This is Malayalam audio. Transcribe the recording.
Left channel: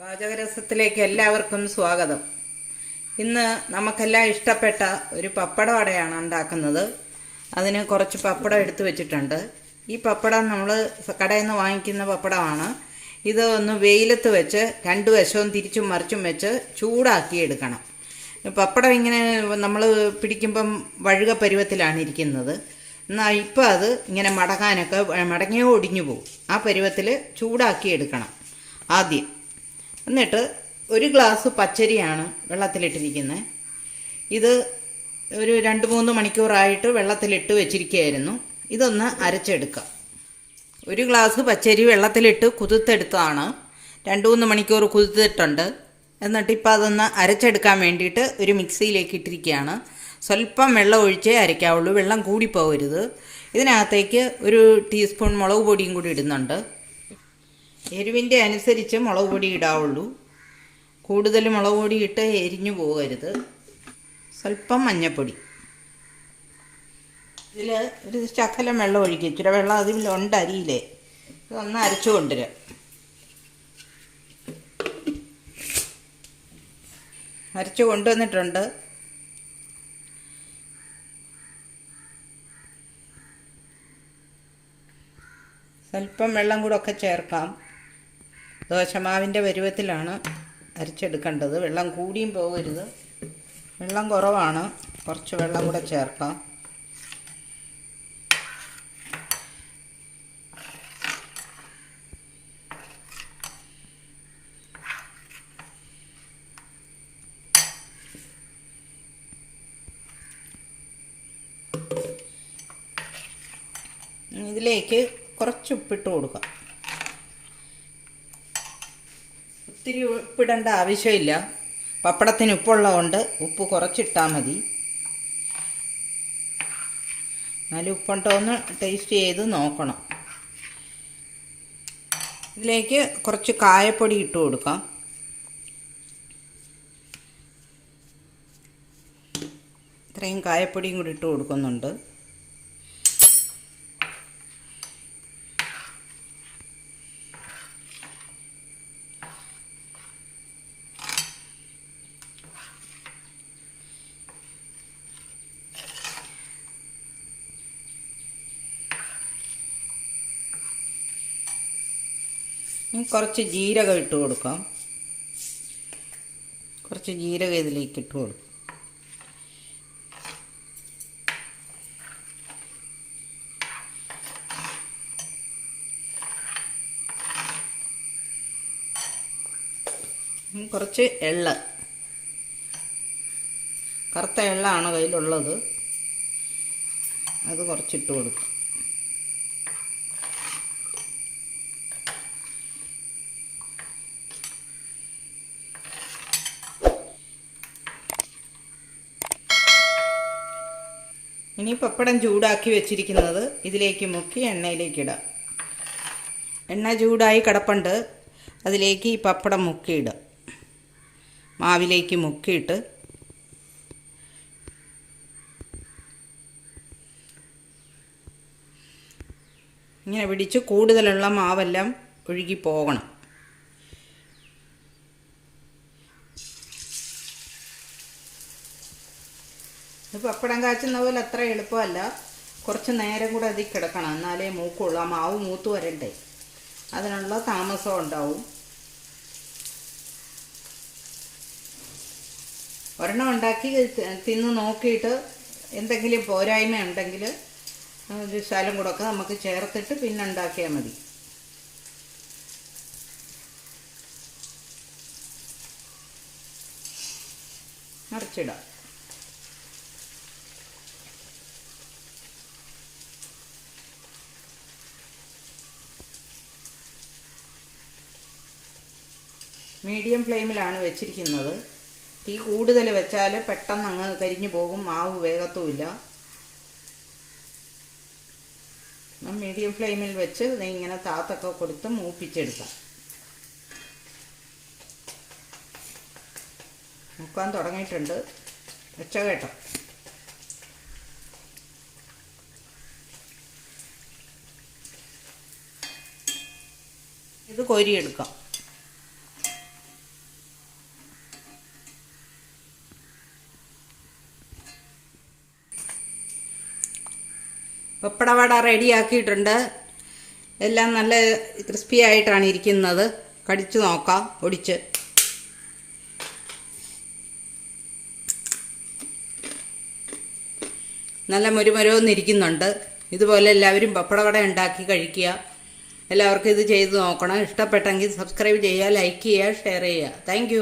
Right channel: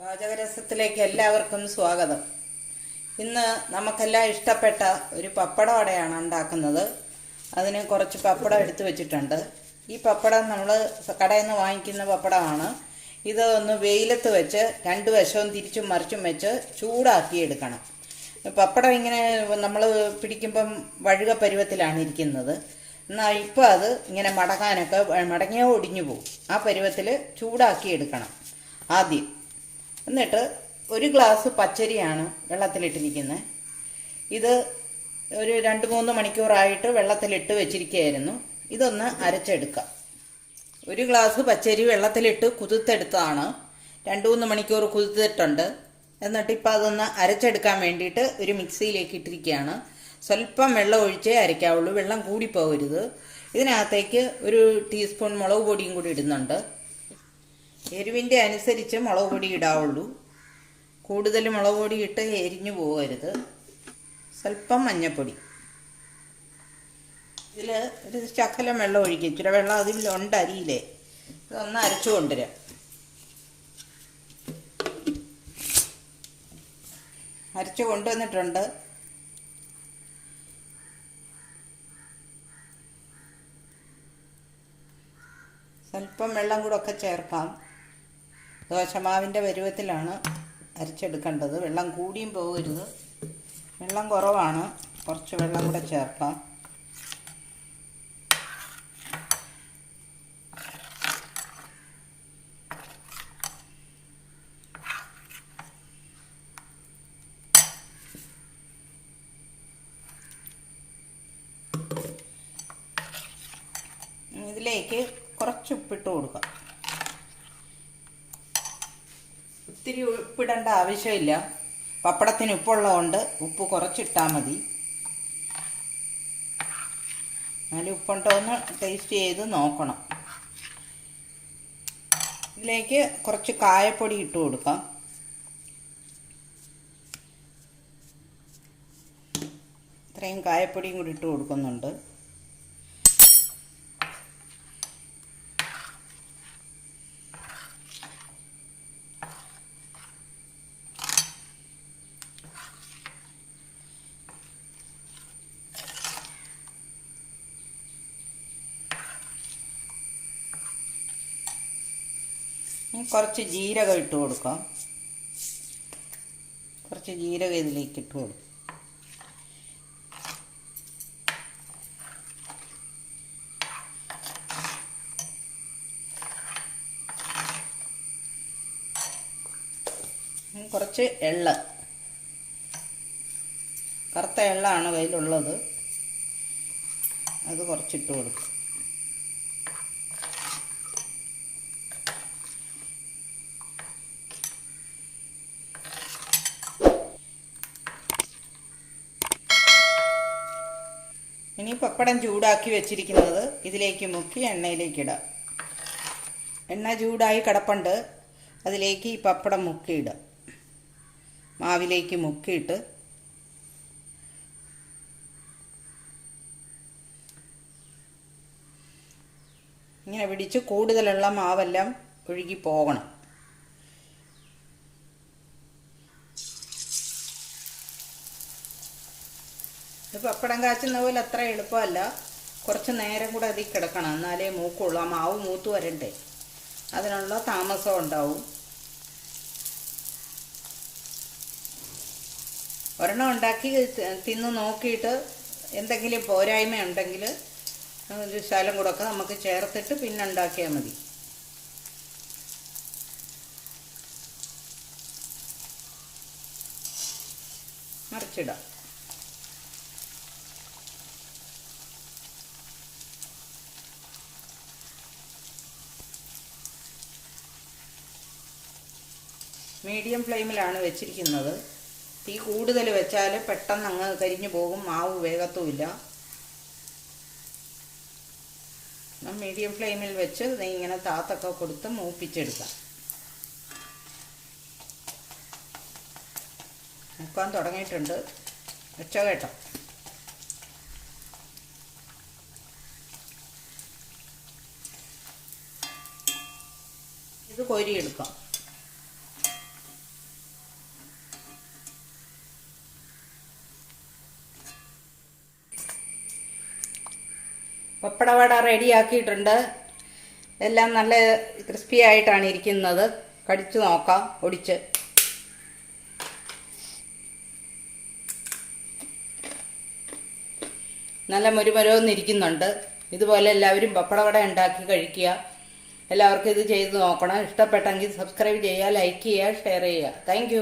പാചകരസത്തിലേക്ക് എല്ലാവർക്കും സ്വാഗതം. ഇന്ന് നമുക്കെല്ലാം ഇഷ്ടപ്പെട്ട ഒരു പപ്പടവടയാണ് ഉണ്ടാക്കുന്നത്. അതിന് കുറച്ച് പപ്പടം എടുത്തു വെച്ചിട്ടുണ്ട്. ഈ പപ്പടം നമ്മൾ കടയിൽ നിന്ന് വാങ്ങിക്കുന്ന പപ്പടമാണ്. ഇത് ഒന്ന് വെയിലത്ത് വെച്ച് രണ്ട് വശവും തിരിച്ചും മറിച്ചും വെച്ച് ചൂടാക്കി എടുക്കണം. പപ്പടം ഇങ്ങനെ നമ്മൾ പിടിക്കുമ്പം വഴുക പരുവത്തിലാണ് ഇരിക്കുന്നത്. എന്നാൽ ഇപ്പം അത് ഇങ്ങനെ മടങ്ങിയോ ഒടിഞ്ഞു പോകും. ആ പരുവത്തിൽ ചൂടാക്കി എടുക്കണം ആദ്യം. എന്നിട്ട് ഒരു ഗ്ലാസ് പച്ചരിയാണ് വെള്ളത്തിലിട്ടിരിക്കുന്നത്. ഇത് ഒരു 2-3 മണിക്കൂറായിട്ട് വെള്ളത്തിലിട്ട് വെച്ചിരിക്കുകയായിരുന്നു. ഇതൊന്ന് അരച്ചെടുക്കാം. ഒരു ഗ്ലാസ് പച്ചരി വെള്ളത്തിലിട്ട് കുതിർത്തെടുത്തതാണ്. 2-3 മണിക്കൂർ കുതിർത്തിട്ടുണ്ട്. എന്നിട്ട് ഇപ്പം അതൊന്ന് അരച്ചെടുക്കാൻ വേണ്ടിയിട്ട് ഒരു മിക്സിയിലേക്ക് ഇട്ടിരിക്കുകയാണ്. സ്വല്പം വെള്ളം ഒഴിച്ചേ അരയ്ക്കാവുള്ളൂ, വെള്ളം കൂടിപ്പോകരുത്. ഇതിനകത്തേക്ക് ഒരു ടീസ്പൂൺ മുളക് പൊടിയും കൂടി ഇടുന്നുണ്ട്. എരിവിൻ്റെ അനുസരിച്ച് മുളക് പൊടി ഇടാവുള്ളൂ. കൂടുതൽ മുളക് പൊടി ഇട്ട് എരിഞ്ഞു പോകരുത്. സ്വല്പം മഞ്ഞൾപ്പൊടി. ഇതിൽ ഒരു ശകലം വെള്ളം ഒഴിക്കുക. ഇച്ചിരി വെള്ളം അതിലുണ്ട് അരിയിലേ. ഇതൊന്ന് അരച്ചു കൊണ്ടുവരാം. അരച്ചു കൊണ്ടുവന്നിട്ടുണ്ട്. സ്വല്പം വെള്ളം കൂടെ ഒക്കെ ചേർക്കാം. ദോശമാവിൻ്റെ പരുവത്തിലാണ് അരച്ചെടുക്കേണ്ടത്. വെള്ളം കൂടിയും പോകരുത്. വെള്ളം കുറവാണ്, കുറച്ച് വെള്ളം കൂടെ ചേർക്കാം. ഇതിലേക്ക് കുറച്ച് ഉപ്പിട്ട് കൊടുക്കാം. ഒത്തിരി ഉപ്പിടേണ്ട ആവശ്യമില്ല. പപ്പടത്തിന് ഉപ്പുള്ളതുകൊണ്ട് ഉപ്പ് കുറച്ചിട്ടാൽ മതി. നല്ല ഉപ്പുണ്ടോ എന്ന് ടേസ്റ്റ് ചെയ്ത് നോക്കണം. ഇതിലേക്ക് കുറച്ച് കായപ്പൊടി ഇട്ട് കൊടുക്കാം. ഇത്രയും കായപ്പൊടിയും കൂടി ഇട്ട് കൊടുക്കുന്നുണ്ട്. കുറച്ച് ജീരകം ഇട്ട് കൊടുക്കാം. കുറച്ച് ജീരകം ഇതിലേക്ക് ഇട്ട് കൊടുക്കും. കുറച്ച് എള്ള്, കറുത്ത എള്ളാണ് കയ്യിലുള്ളത്, അത് കുറച്ചിട്ട് കൊടുക്കും. ഇനി പപ്പടം ചൂടാക്കി വെച്ചിരിക്കുന്നത് ഇതിലേക്ക് മുക്കി എണ്ണയിലേക്ക് ഇടാം. എണ്ണ ചൂടായി കിടപ്പുണ്ട്. അതിലേക്ക് ഈ പപ്പടം മുക്കിയിടാം. മാവിലേക്ക് മുക്കിയിട്ട് ഇങ്ങനെ പിടിച്ച് കൂടുതലുള്ള മാവെല്ലാം ഒഴുകി പോകണം. പപ്പടം കാച്ചുന്ന പോലെ അത്ര എളുപ്പമല്ല. കുറച്ച് നേരം കൂടെ അതിൽ കിടക്കണം, എന്നാലേ മൂക്കുള്ളൂ. ആ മാവ് മൂത്ത് വരണ്ടേ, അതിനുള്ള താമസം ഉണ്ടാവും. ഒരെണ്ണം ഉണ്ടാക്കി തിന്ന് നോക്കിയിട്ട് എന്തെങ്കിലും പോരായ്മ ഉണ്ടെങ്കിൽ ഒരു ശകലം കൂടെ ഒക്കെ നമുക്ക് ചേർത്തിട്ട് പിന്നെ ഉണ്ടാക്കിയാൽ മതി. മറിച്ചിടാം. മീഡിയം ഫ്ലെയിമിലാണ് വെച്ചിരിക്കുന്നത്. തീ കൂടുതൽ വെച്ചാൽ പെട്ടെന്ന് അങ്ങ് കരിഞ്ഞു പോകും, മാവ് വേഗത്തുമില്ല. മീഡിയം ഫ്ലെയിമിൽ വെച്ച് ഇങ്ങനെ താത്തൊക്കെ കൊടുത്ത് മൂപ്പിച്ചെടുക്കാം. മുക്കാൻ തുടങ്ങിയിട്ടുണ്ട്. വെച്ച കേട്ടോ. ഇത് കോരിയെടുക്കാം. പപ്പടവട റെഡിയാക്കിയിട്ടുണ്ട്. എല്ലാം നല്ല ക്രിസ്പി ആയിട്ടാണ് ഇരിക്കുന്നത്. കടിച്ചു നോക്കാം ഒടിച്ച്. നല്ല മുരുമുരവെന്നിരിക്കുന്നുണ്ട്. ഇതുപോലെ എല്ലാവരും പപ്പടവട ഉണ്ടാക്കി കഴിക്കുക. എല്ലാവർക്കും ഇത് ചെയ്ത് നോക്കണം. ഇഷ്ടപ്പെട്ടെങ്കിൽ സബ്സ്ക്രൈബ് ചെയ്യുക, ലൈക്ക് ചെയ്യുക, ഷെയർ ചെയ്യുക. താങ്ക്